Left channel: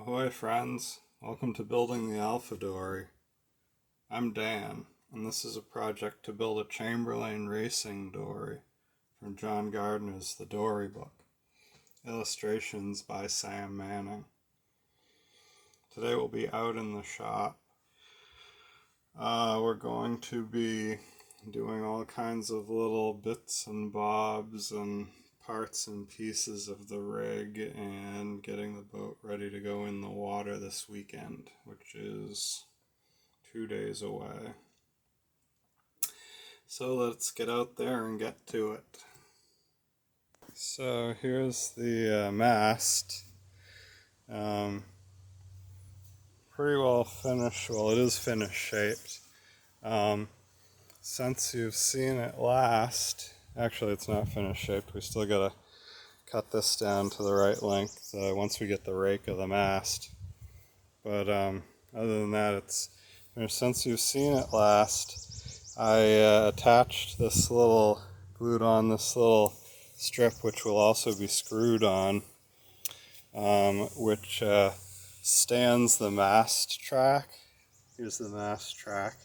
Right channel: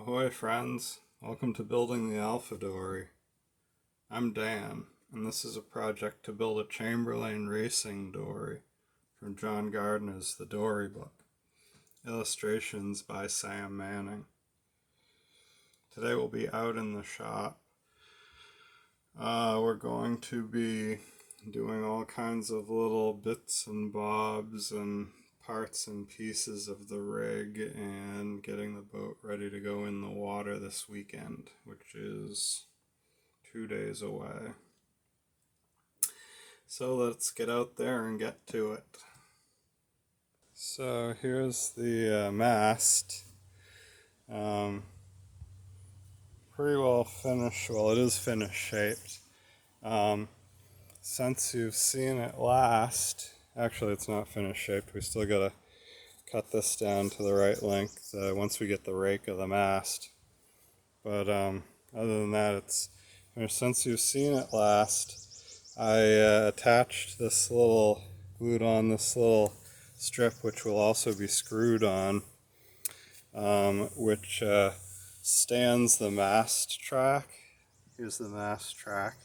Ahoy friends, welcome to Building the Alpha Dory. I'm Dan, and this is a project to build a Chamberlain racing dory from John Gardner's The Dory book. Illustrations by Sam Manning. Today we'll be out in the shop. We're going to be doing all kinds of little bits and bobs and parts and pieces of the rig and getting the boat ready to go in the water this weekend, which is 2 days away. So let's get out there and get to it. So here's the mast. Pretty well finished. Well, it is finish shaped. Since you've seen it last, actually it's not finish shaped. We still gotta cut this down to the right length once we get the rake of the mast. But other than that, it's finished. Since you've seen it last, I attached this little, glued on this little strip, which will also be screwed on, which stands the mast track. Here's the mast track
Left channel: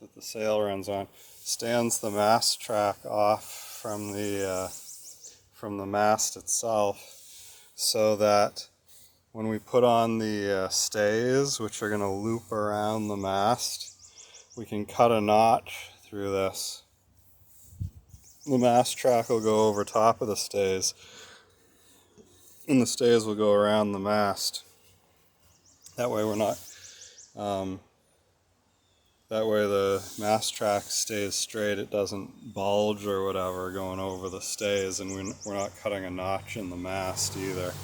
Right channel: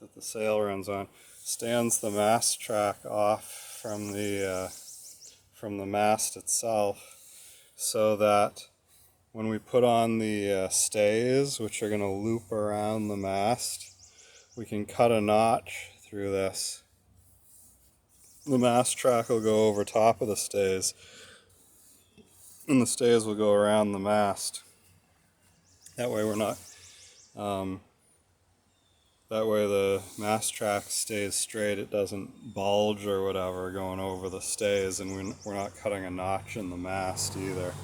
that the sail runs on. Stands the mast track off from the mast itself, so that when we put on the stays, which are going to loop around the mast, we can cut a notch through this. The mast track will go over top of the stays, and the stays will go around the mast. That way we're not, that way the mast track stays straight, it doesn't bulge or whatever going over the stays, and we're not cutting a notch in the mast either.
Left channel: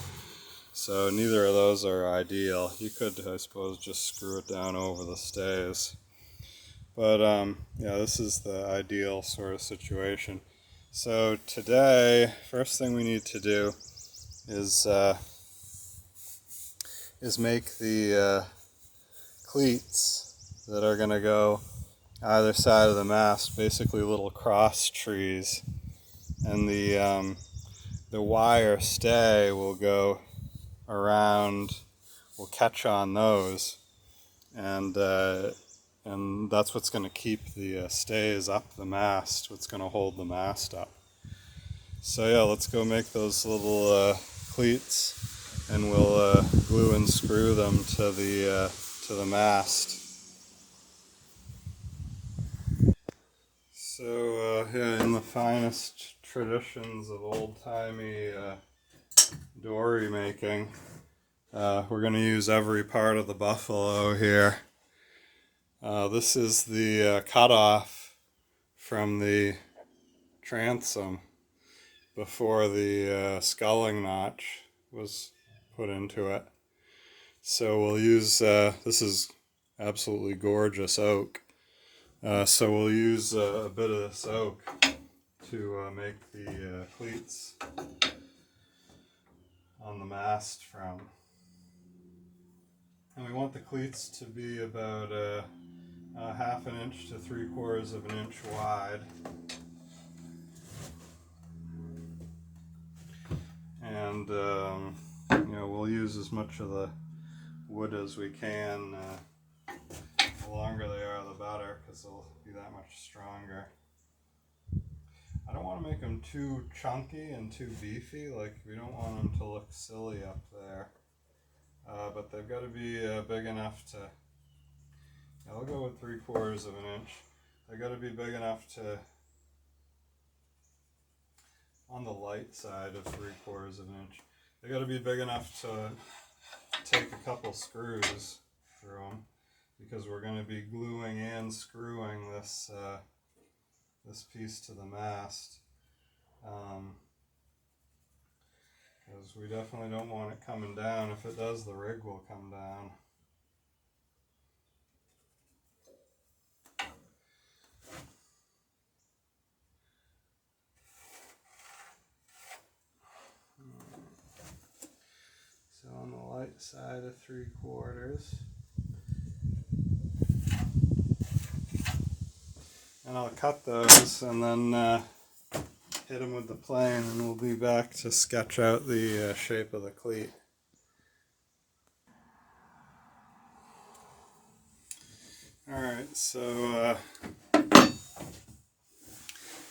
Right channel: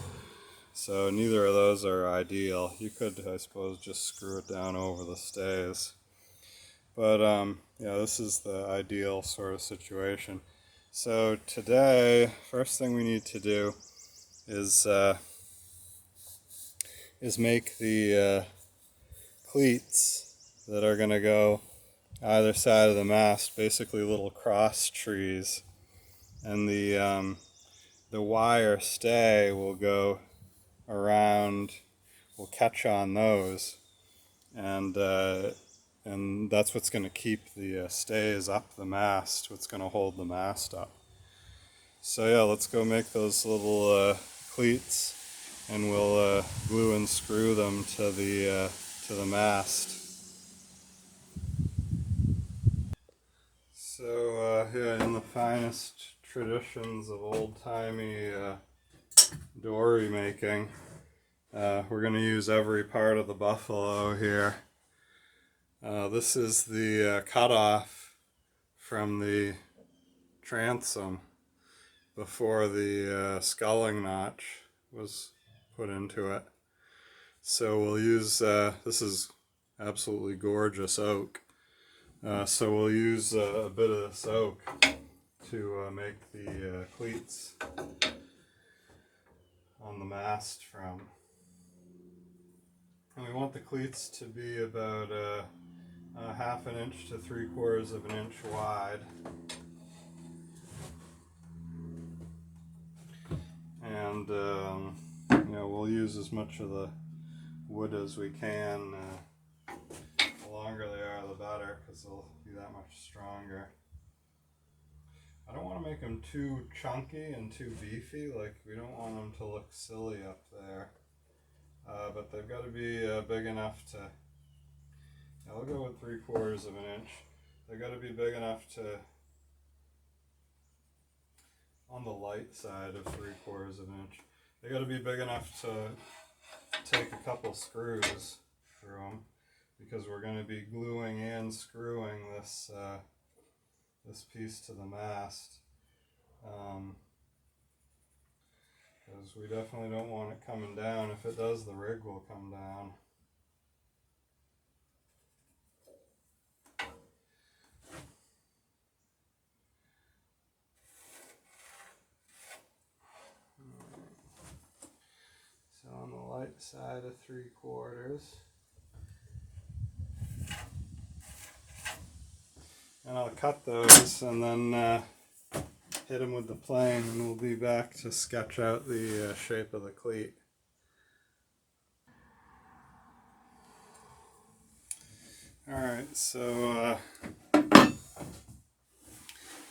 So neither of those are ideal. You could, I suppose, just screw it down over the stays. But yeah, this is the ideal sort of situation. So today, first thing we need to do is make the cleats that are going to go either side of the mast, basically little cross trees, and the wire stay will go around, will catch on those, and that's what's going to keep the stays up the mast, what's going to hold the mast up. So yeah, let's go make those little cleats, and we'll glue and screw them to the mast. So yeah, in the finest traditions of old-timey dory making, we're going to use every part of the buffalo here. This is the cutoff from the transom before the sculling notch was put into it. So we'll use, this is absolutely gorgeous oak. So we'll use a bit of this oak to make the cleats on the mast from. And we want the cleats to be about ½ an inch to 3/4 of an inch wide. And you know, we'll use as much of the wood as we can. The longer they are, the better, because they'll be that much stronger. I don't want to make them too chunky and too beefy. Like, we don't want them to look silly up there. But they've got to be big enough to, I'll go with 3/4 of an inch. They've got to be big enough to, on the light side of 3/4 of an inch, they got to be big enough to take a couple screws through them, because we're going to be gluing and screwing this this piece to the mast. Because we definitely don't want it coming down. If it does, the rig will come down. So on the light side of 3/4. And I'll cut those and then hit them with the plane, and we'll be back to sketch out the shape of the cleat. Alright, so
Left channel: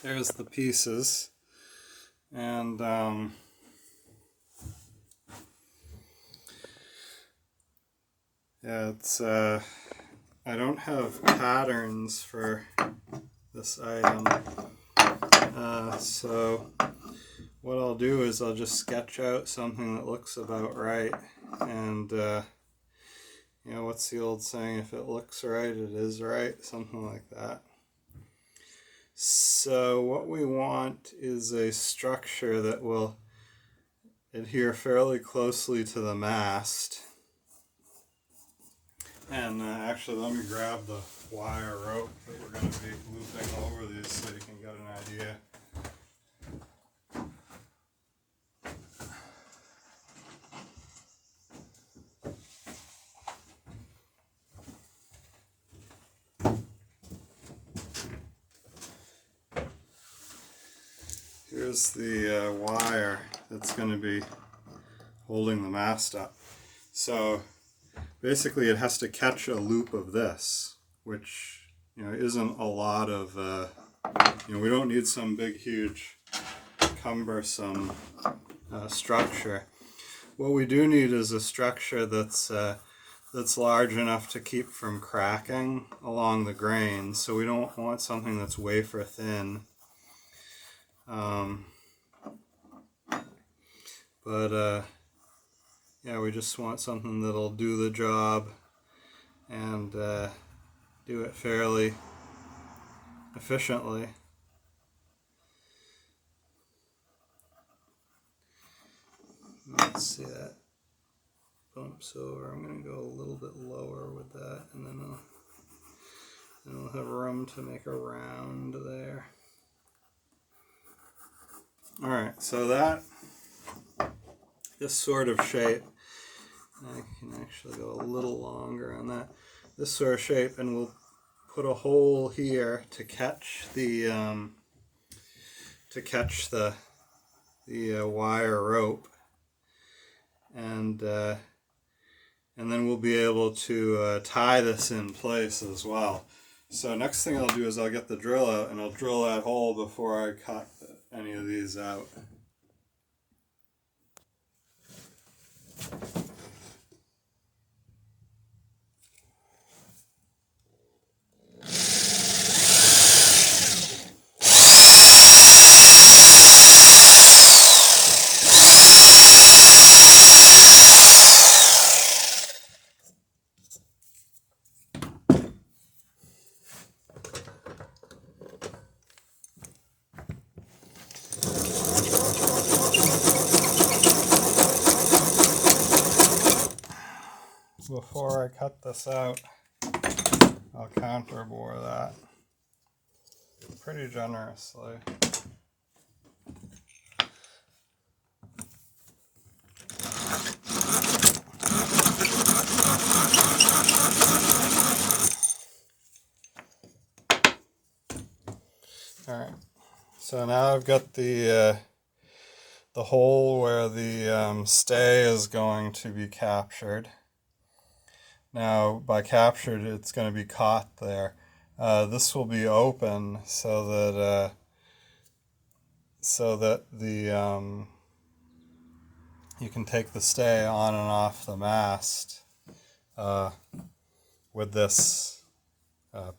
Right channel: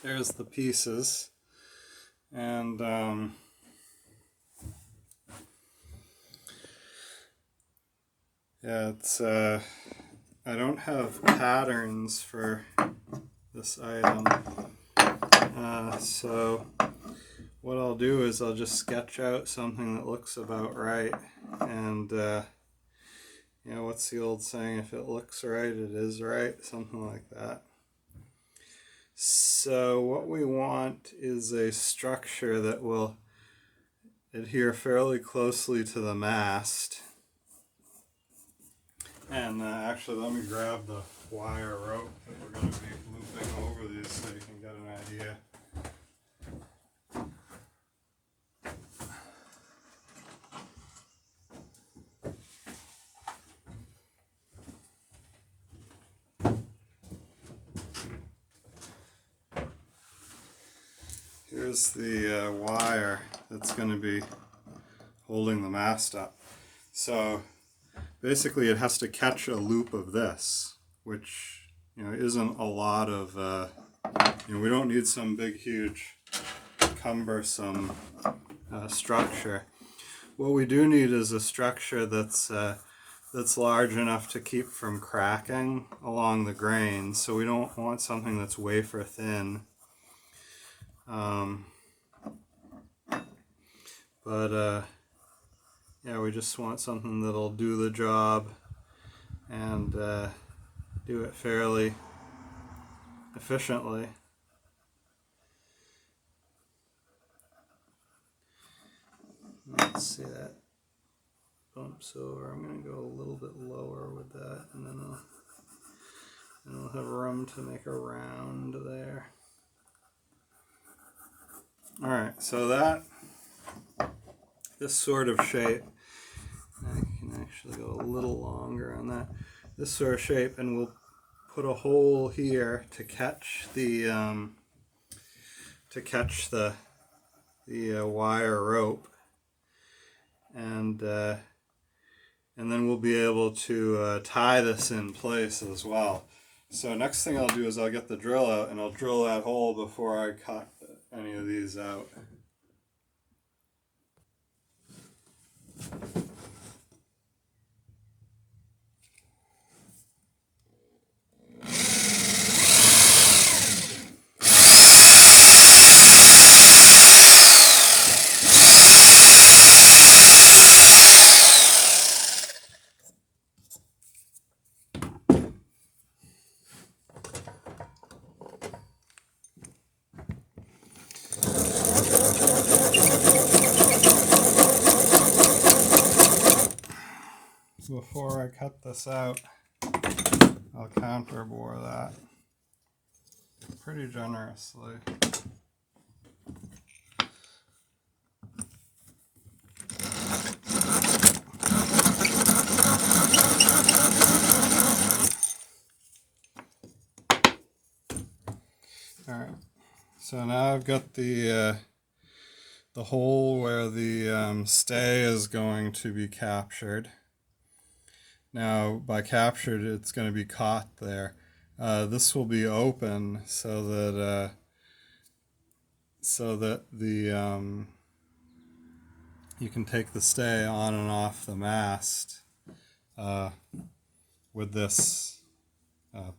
there's the pieces, and yeah, it's I don't have patterns for this item, so what I'll do is I'll just sketch out something that looks about right, and you know, what's the old saying, if it looks right, it is right, something like that. So what we want is a structure that will adhere fairly closely to the mast. And actually, let me grab the wire rope that we're going to be looping over these so you can get an idea. Here's the wire that's going to be holding the mast up. So basically it has to catch a loop of this, which, you know, isn't a lot of, you know, we don't need some big, huge, cumbersome structure. What we do need is a structure that's large enough to keep from cracking along the grain. So we don't want something that's wafer thin. Yeah, we just want something that'll do the job and do it fairly efficiently. Let's see, that bumps over. I'm going to go a little bit lower with that, and then we'll have room to make a round there. Alright, so this sort of shape, I can actually go a little longer on that, this sort of shape, and we'll put a hole here to catch the wire rope, and then we'll be able to tie this in place as well. So next thing I'll do is I'll get the drill out and I'll drill that hole before I cut any of these out. Before I cut this out, I'll counterbore that pretty generously. Alright, so now I've got the hole where the stay is going to be captured. Now, by captured, it's going to be caught there. This will be open so that you can take the stay on and off the mast with this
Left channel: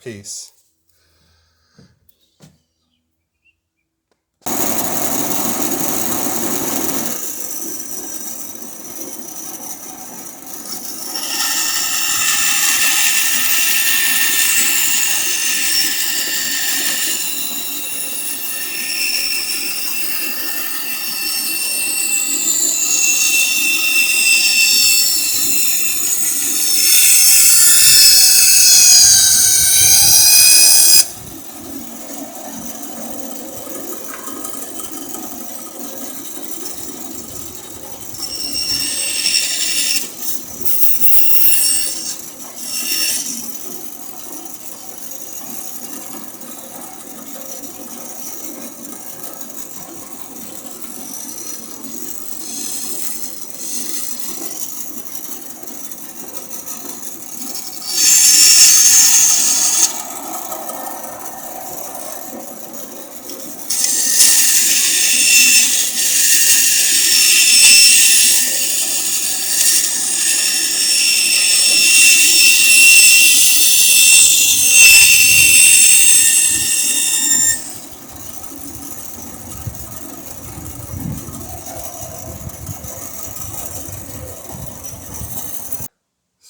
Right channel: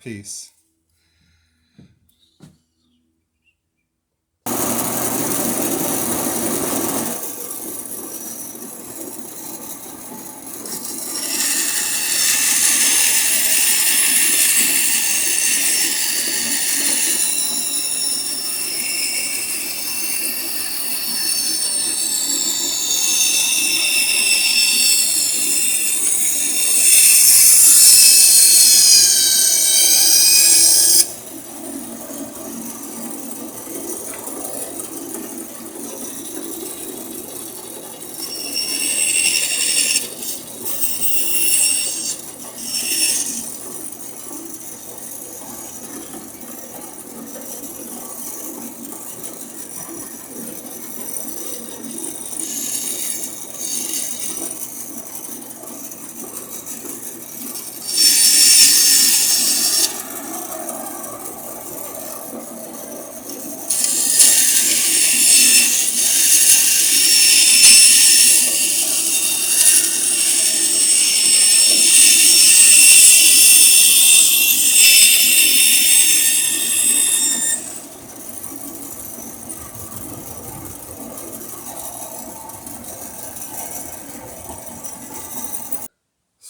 piece.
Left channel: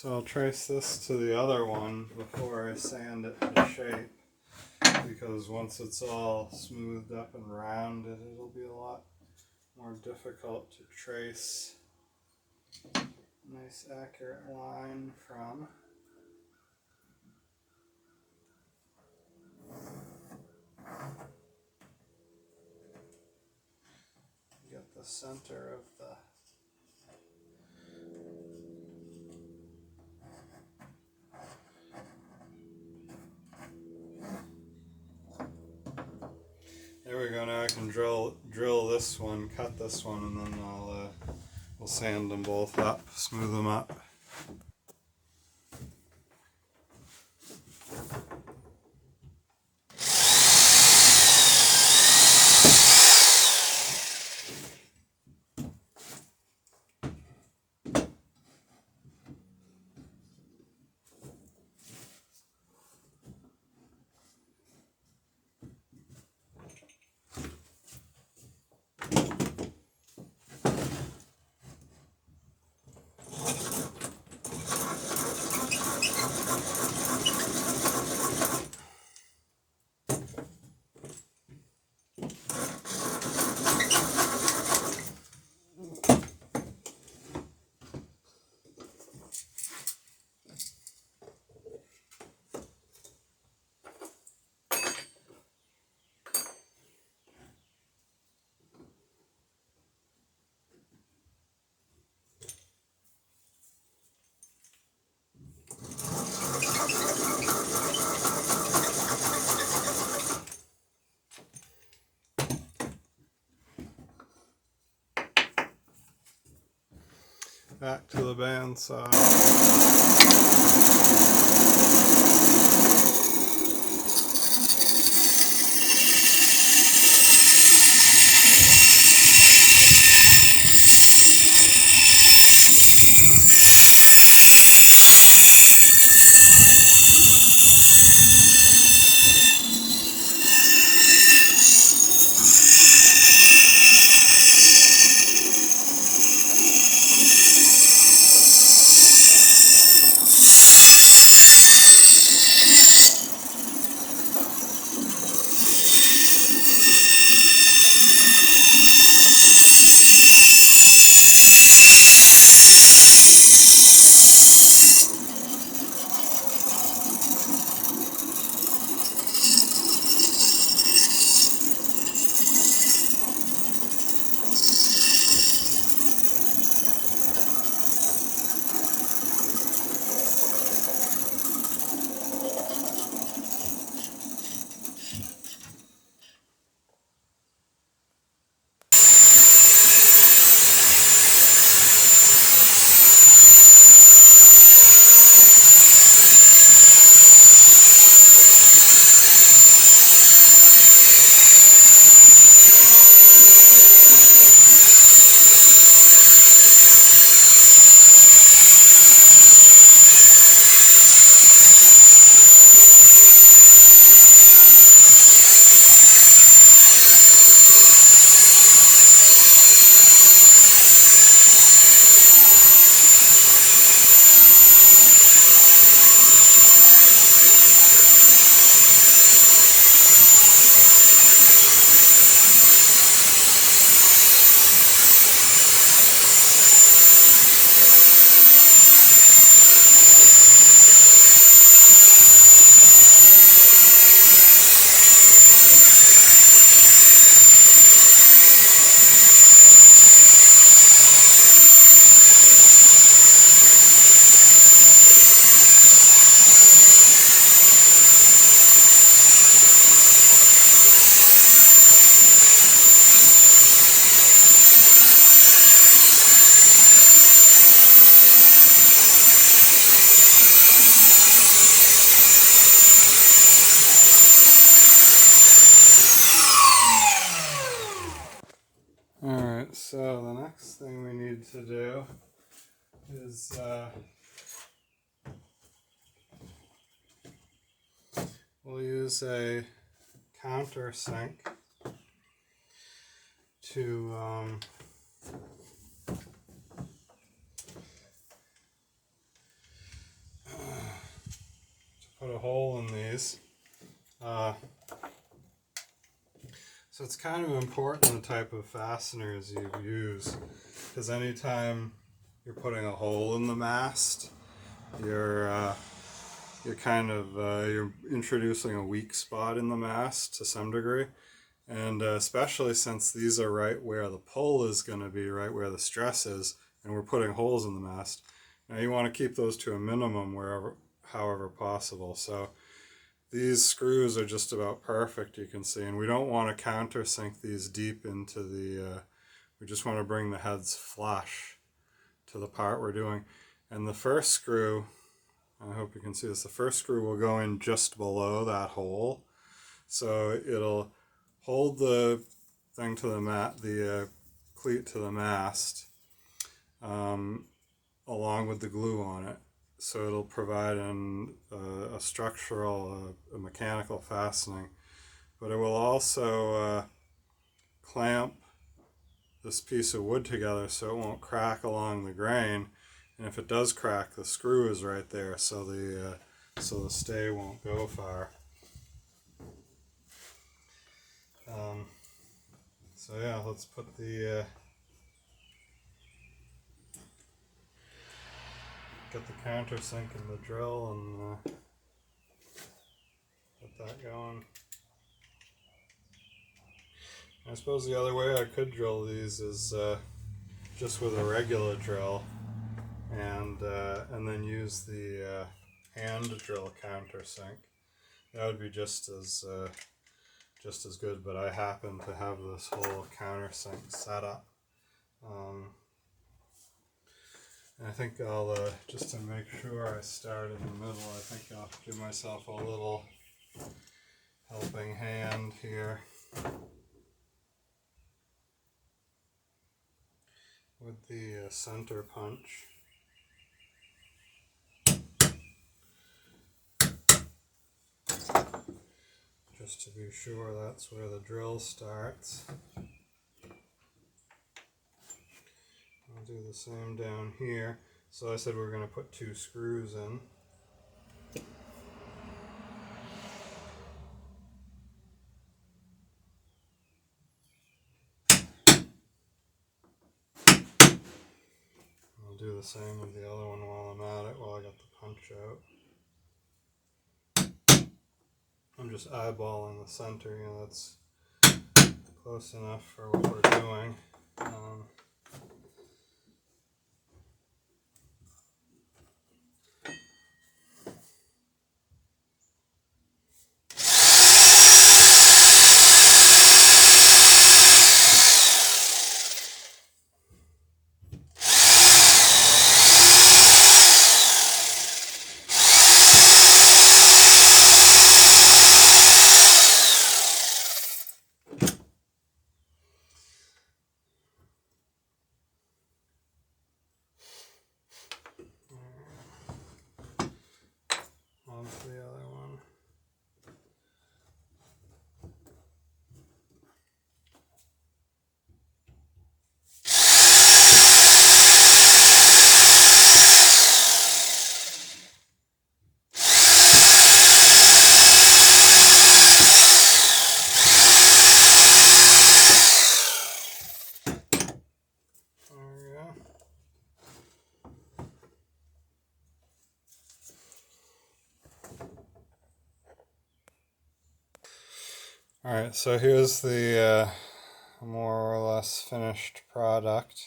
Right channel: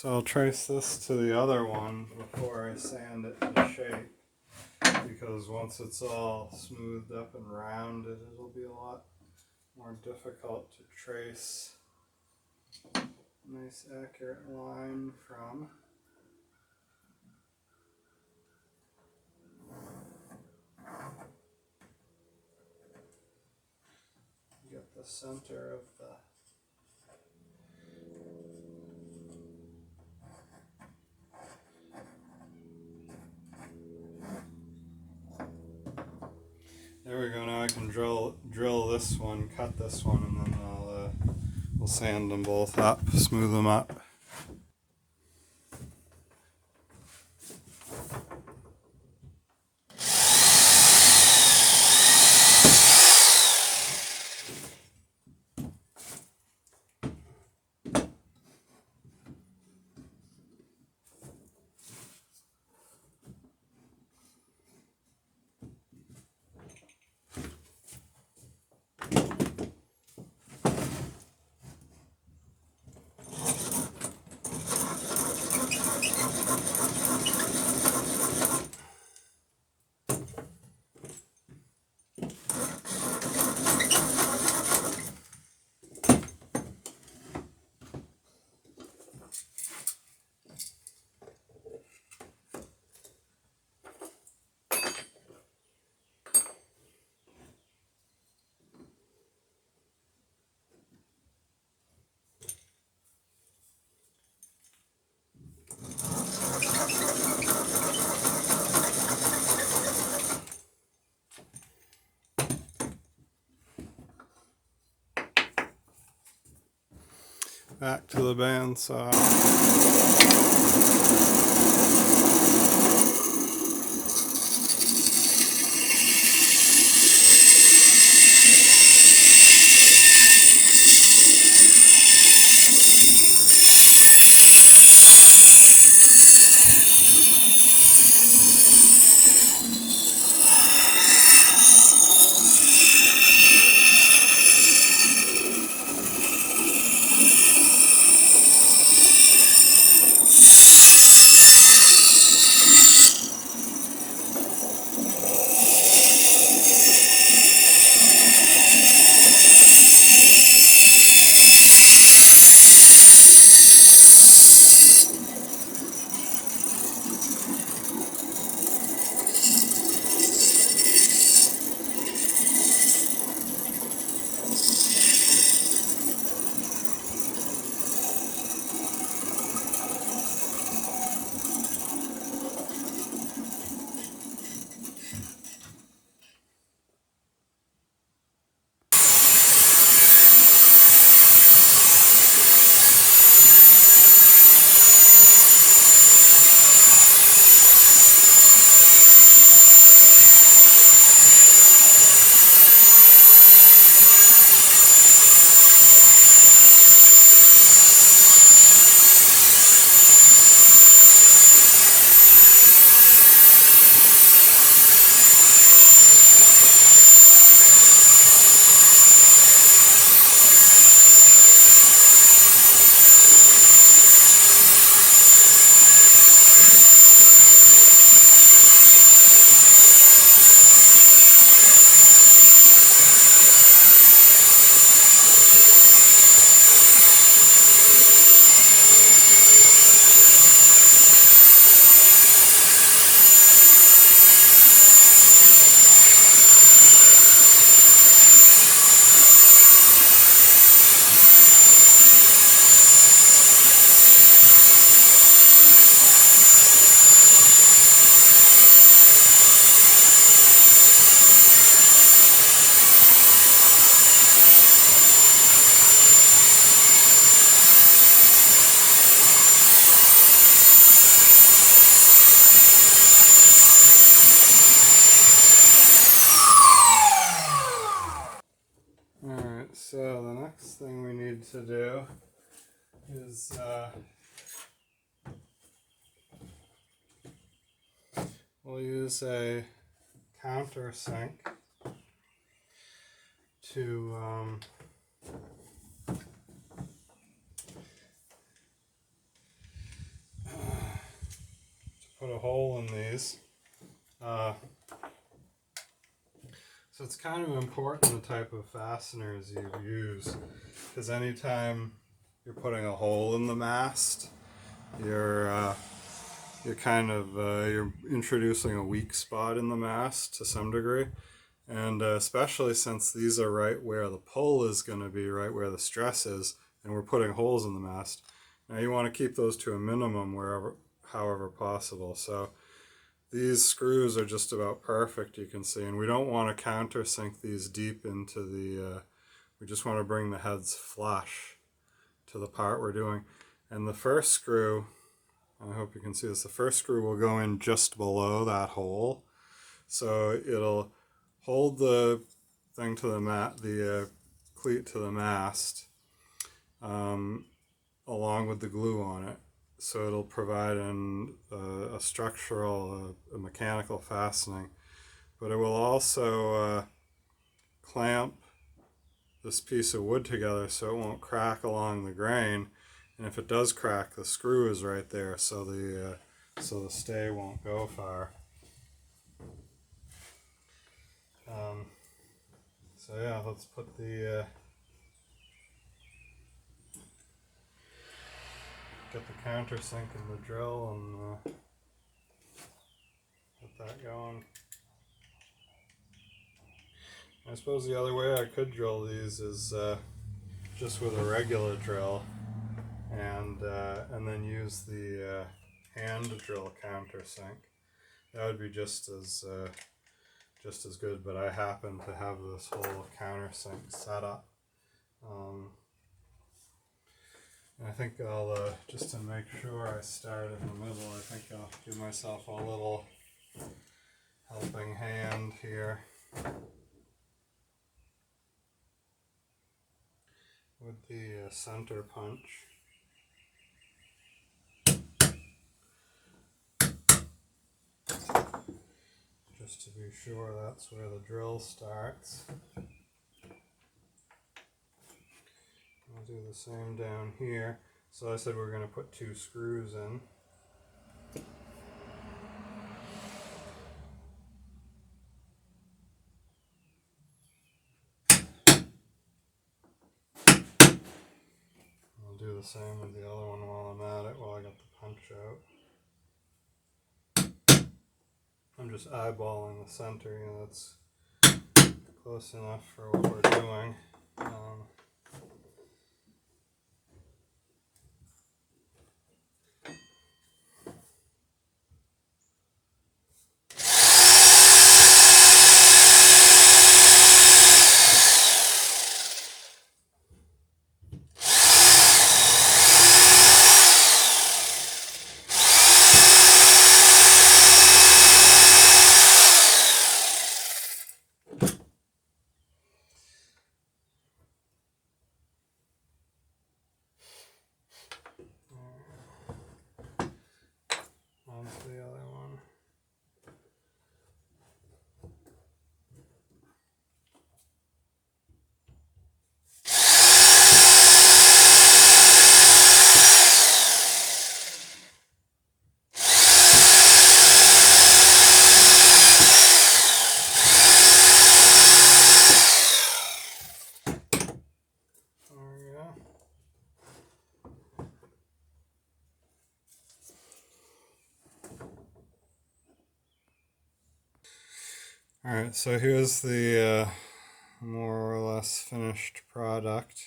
So I'll trace this to the other one before I sand it to shape, because once it's all smoothed up and rounded, it'll be a lot more difficult to trace a nice accurate line from. Get the center of the There we go. Now I can drill this one, cut this one, and then we'll sand them both up, smooth them up. Back to the bandsaw. Alright, so the next thing we need to do is we'll use a countersink to in these. So it's kind of important the type of fasteners you use, because anytime you're putting a hole in the mast, you're you're introducing a weak spot in the mast to some degree, and especially since these are right where the pull is going to be, right where the stress is, and we're putting holes in the mast. Now you want to keep those to a minimum however possible. So these screws are just about perfect, you can see, and we don't want to countersink these deep into the, we just want to bring the heads flush to the part we're doing. And the first screw, I hope you can see this, the first screw will go in just below that hole. So it'll hold the thing to the cleat to the mast, along with the glue on it. So it'll provide a structural, a mechanical fastening, but it will also clamp this piece of wood together so it won't crack along the grain. And if it does crack, the screw is right there, so the stay won't go far. So yeah, let's put the get the countersink in the drill and get that going. I suppose the other way I could drill these is just with a regular drill, and then use the hand drill countersink. That would be just as good, but I happen to have this whole countersink set up. And I think I'll, just to make sure I start in the middle, I think I'll give myself a little helping hand here with the center punch. Just to be sure that's where the drill starts. I'll do the same down here. So I said we're going to put 2 screws in. I'll do the same with the other one while I'm at it, while I got the punch out. I'm just eyeballing the center, you know, that's close enough for what we're doing. On to the other one. Alright, so here's the more or less finished product.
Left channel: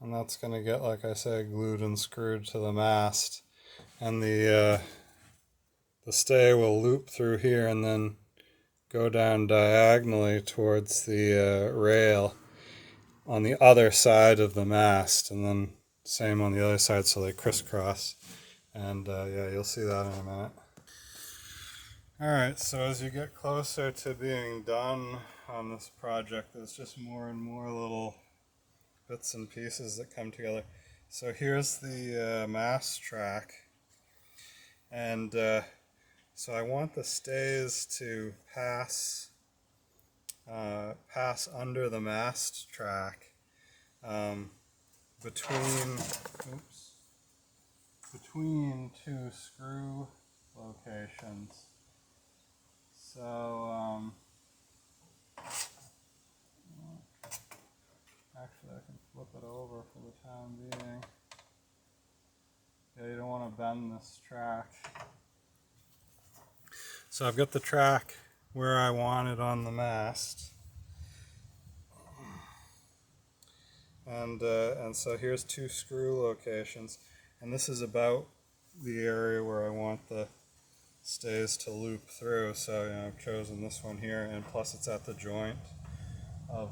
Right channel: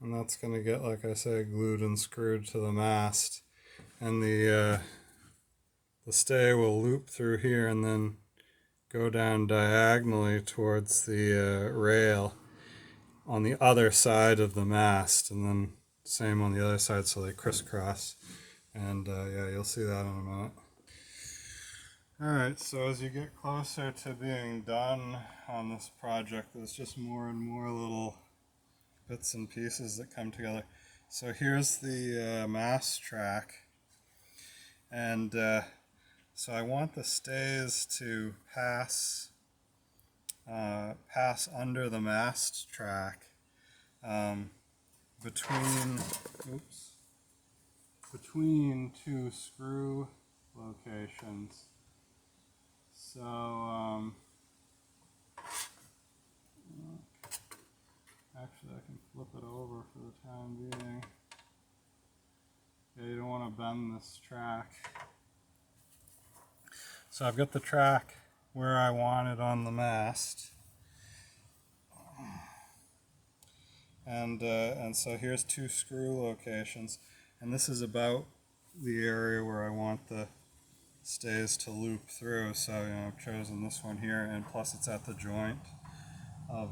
And that's going to get, like I say, glued and screwed to the mast. And the stay will loop through here and then go down diagonally towards the rail on the other side of the mast. And then same on the other side, so they crisscross. And yeah, you'll see that in a minute. Alright, so as you get closer to being done on this project, there's just more and more little bits and pieces that come together. So here's the mast track, and so I want the stays to pass under the mast track between, oops, between two screw locations. So, actually I can flip it over for the time being. Yeah, you don't want to bend this track. So I've got the track where I want it on the mast. And so here's two screw locations, and this is about the area where I want the stays to loop through. So I've chosen this one here, and plus it's at the joint of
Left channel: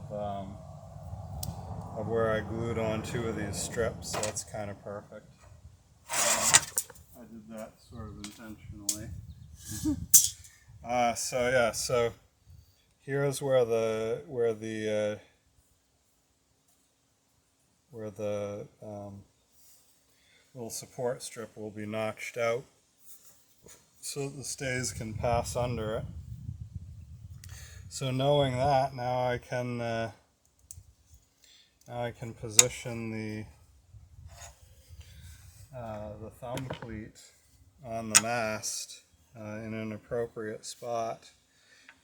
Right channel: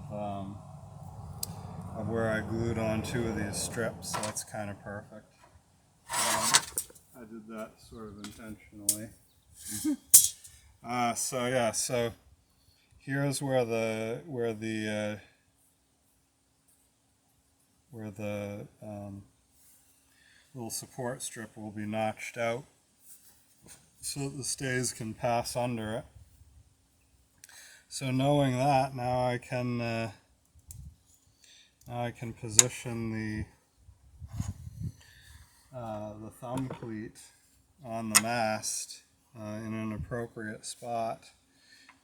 where I glued on two of these strips, so that's kind of perfect. I did that sort of intentionally. So here's where the little support strip will be notched out so that the stays can pass under it. So knowing that, now I can position the thumb cleat on the mast in an appropriate spot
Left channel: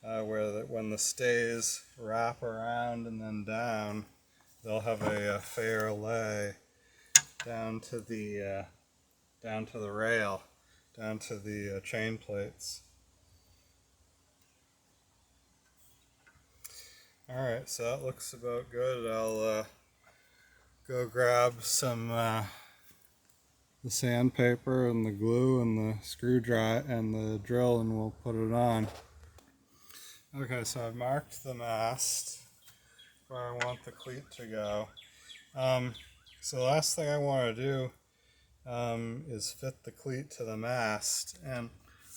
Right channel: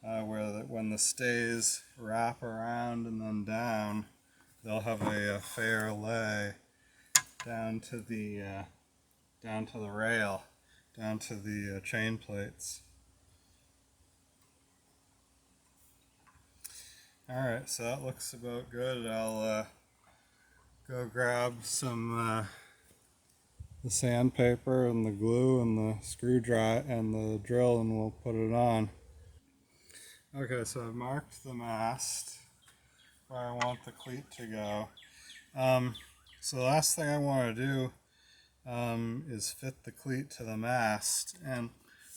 where when the stays wrap around and then down, they'll have a fair lay down to the rail, down to the chain plates. Alright, so that looks about good. I'll go grab some the sandpaper and the glue and the screw dry and the drill, and we'll put it on. Okay, so I've marked the mast where I want the cleat to go. So the last thing I want to do is fit the cleat to the mast, and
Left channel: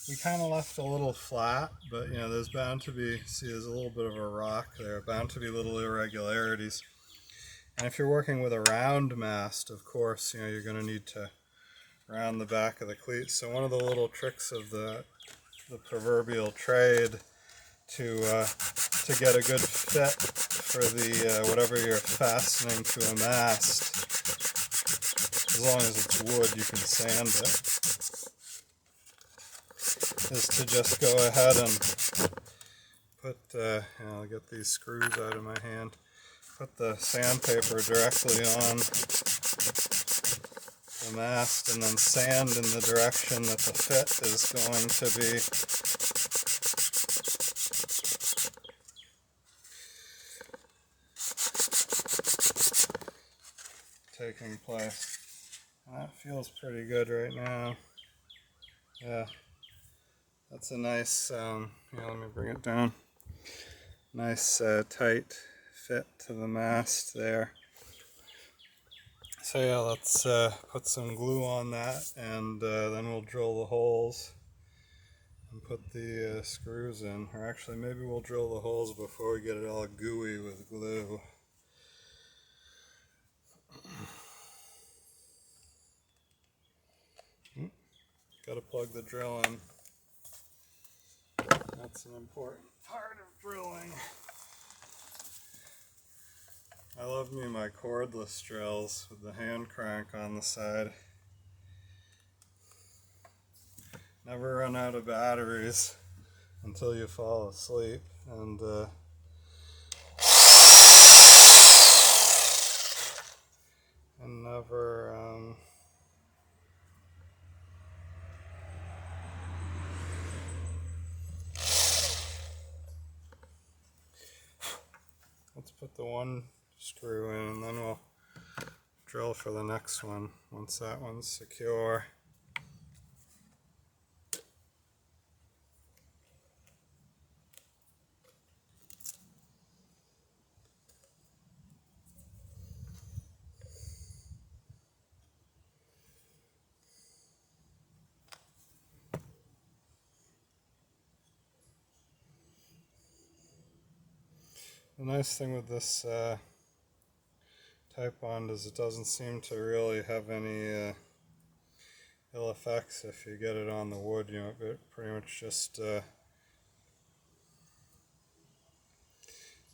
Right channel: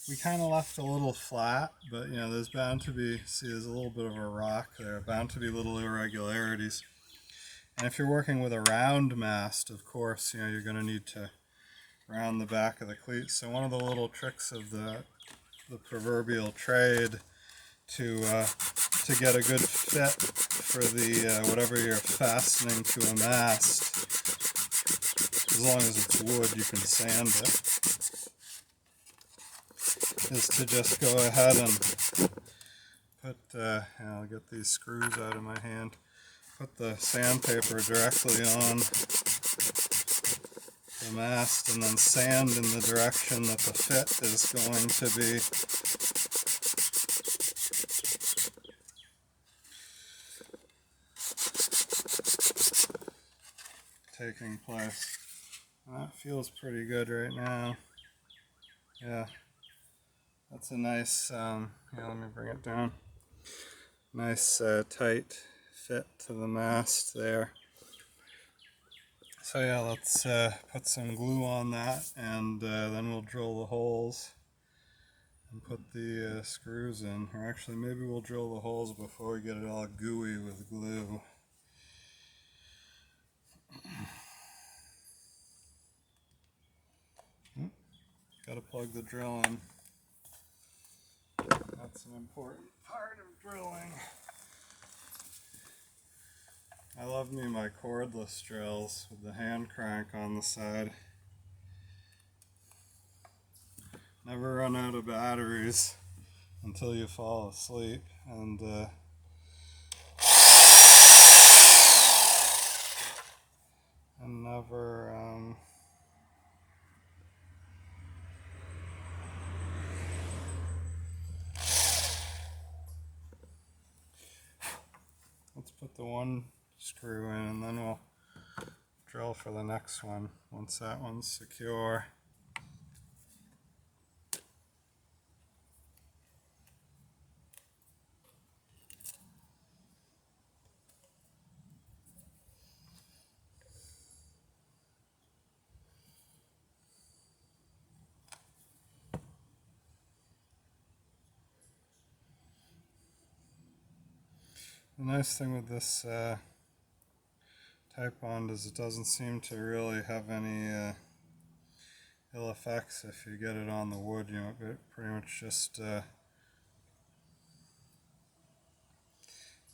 we kind of left a little flat, but there's bound to be, see, there's a little bit of a rock there, bound to be little irregularities. And if you're working with a round mast, of course, you're going to need to round the back of the cleat. So one of the little tricks of the proverbial trade to get a good fit for the whatever you're fastening to a mast, as long as it's wood, you can sand it, is to just go ahead and put, I'll get these screws out of my hand, put the sandpaper directly on the mast and then sand in the direction that the fit is going to be. Taking place. And that feels pretty good right now. Yeah, that's a nice, let me bring it down. Nice tight fit to the mast there. So yeah, let's put some glue on that, and then we'll drill the holes and put the screws in. Or actually, maybe we'll drill the holes before we get it all gooey with glue. Got to plug the drill in. That's an important part of drilling. I love me my cordless drills with the hand crank on the side. Never run out of batteries until you fall asleep, and never let's put the one screw in, and then we'll drill for the next one once that one's secure. The nice thing with this type bond is it doesn't seem to really have any ill effects if you get it on the wood. It pretty much just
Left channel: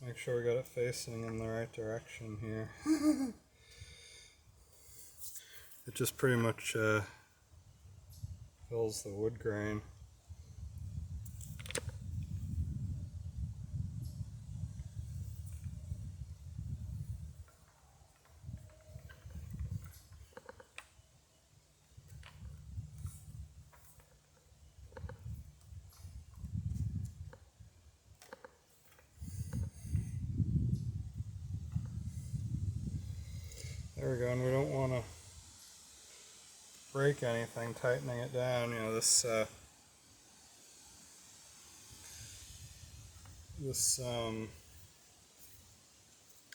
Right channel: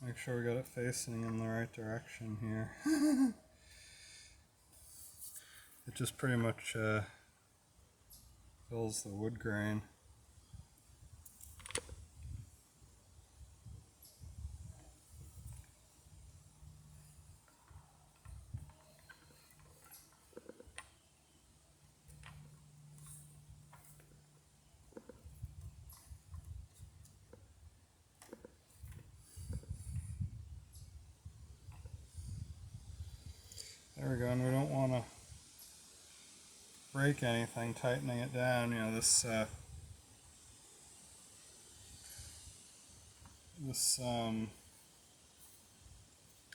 make sure we got it facing in the right direction here. It just pretty much fills the wood grain. There we go, and we don't want to break anything tightening it down. You know, this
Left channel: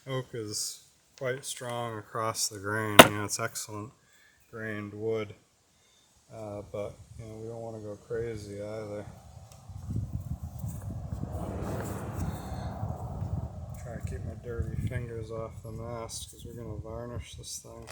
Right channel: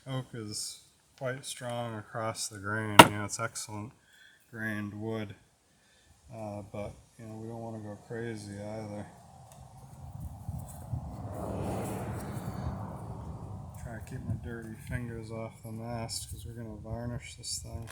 oak is quite strong across the grain. You know, it's excellent grained wood, but you know, we don't want to go crazy either. Try to keep my dirty fingers off the mast because we're going to varnish this thing.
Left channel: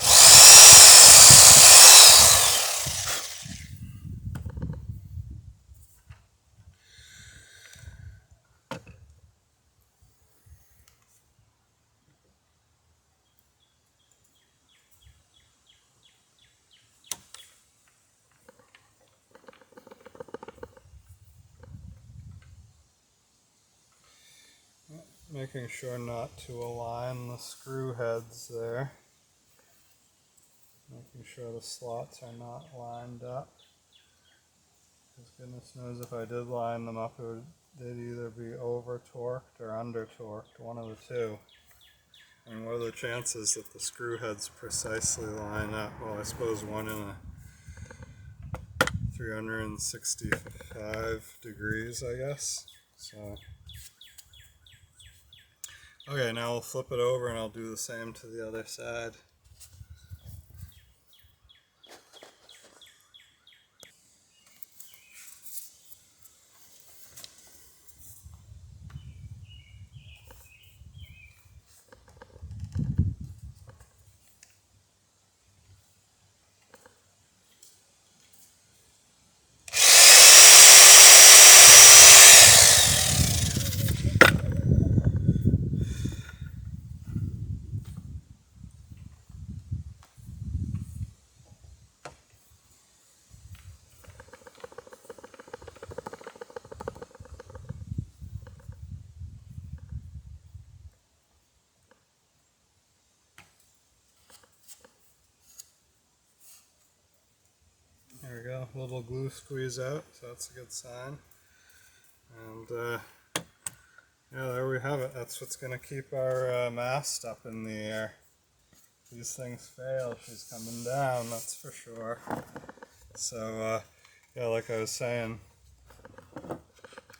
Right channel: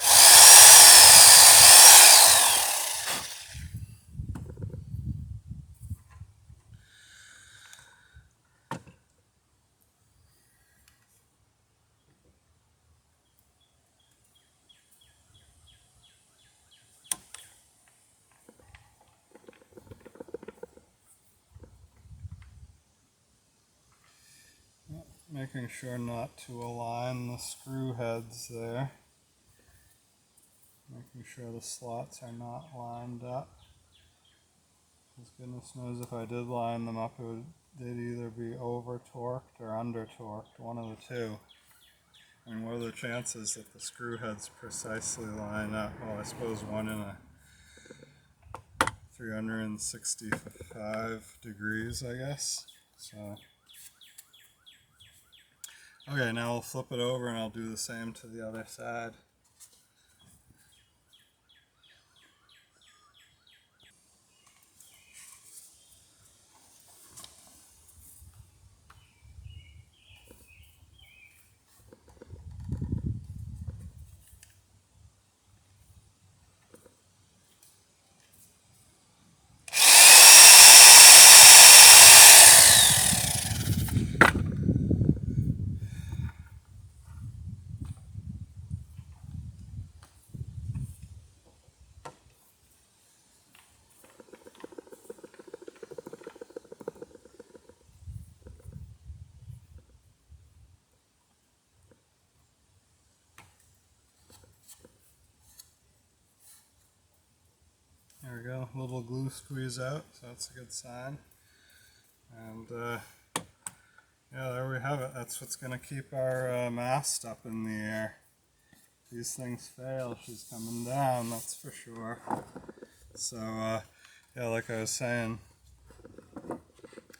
Making sure not to align the screw heads there. Making sure the slots are not lined up. Because goodness knows if I did line them up, they'd either be over torqued or under torqued, one of the two. I mean, what are the chances that the screw heads precisely line up? Well, I suppose one in a 365 degrees, I guess. So. Okay, now we'll flip it over and I'll do the same to the other side. There we go, a little glue squeeze out, so that's a good sign. And yeah, there we have it. That's what's going to keep our mast up in the air. If these things fail, she's coming down, that's for sure. So yeah, like I was saying,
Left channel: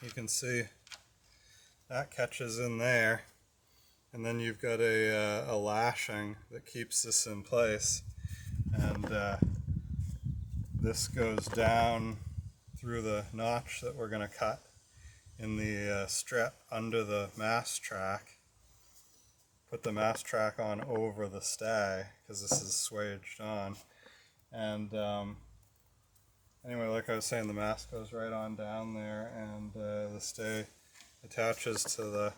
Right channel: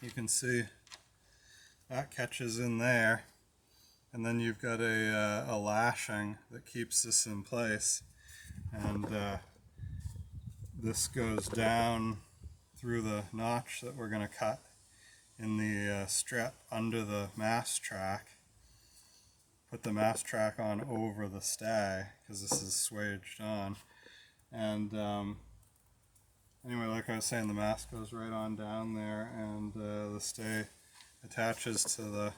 you can see that catches in there, and then you've got a lashing that keeps this in place, and this goes down through the notch that we're going to cut in the strip under the mast track. Put the mast track on over the stay because this is swaged on, and anyway, like I was saying, the mast goes right on down there, and the stay attaches to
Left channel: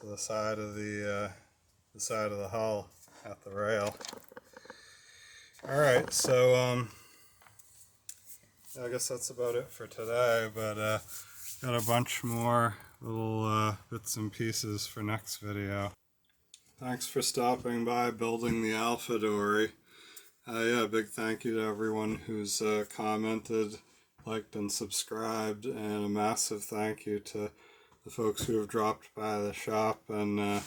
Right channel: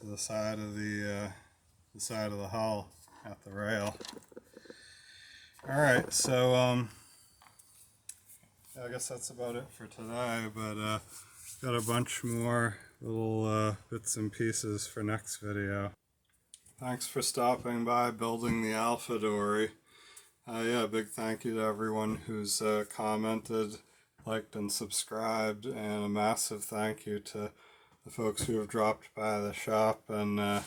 the side of the side of the hull at the rail. All right, so I guess that's about it for today, but got a bunch more little bits and pieces for next video. Thanks for stopping by Building the Alpha Dory. Yeah, big thank you to everyone who's commented, liked, and subscribed, and a massive thank you to the folks who have dropped by the shop and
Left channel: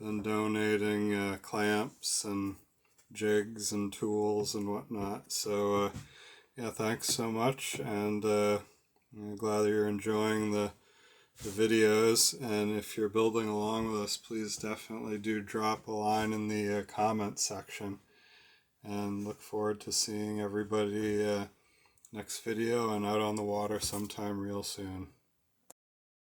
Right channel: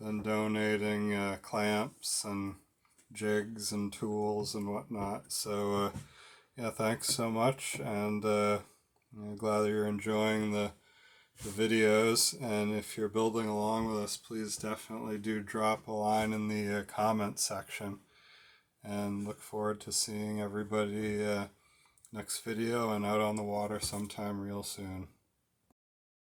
been donating clamps and jigs and tools and whatnot. So yeah, thanks so much, and I'm glad that you're enjoying the videos, and if you're building along with us, please definitely do drop a line in the comment section, and look forward to seeing everybody next video and out on the water sometime real soon.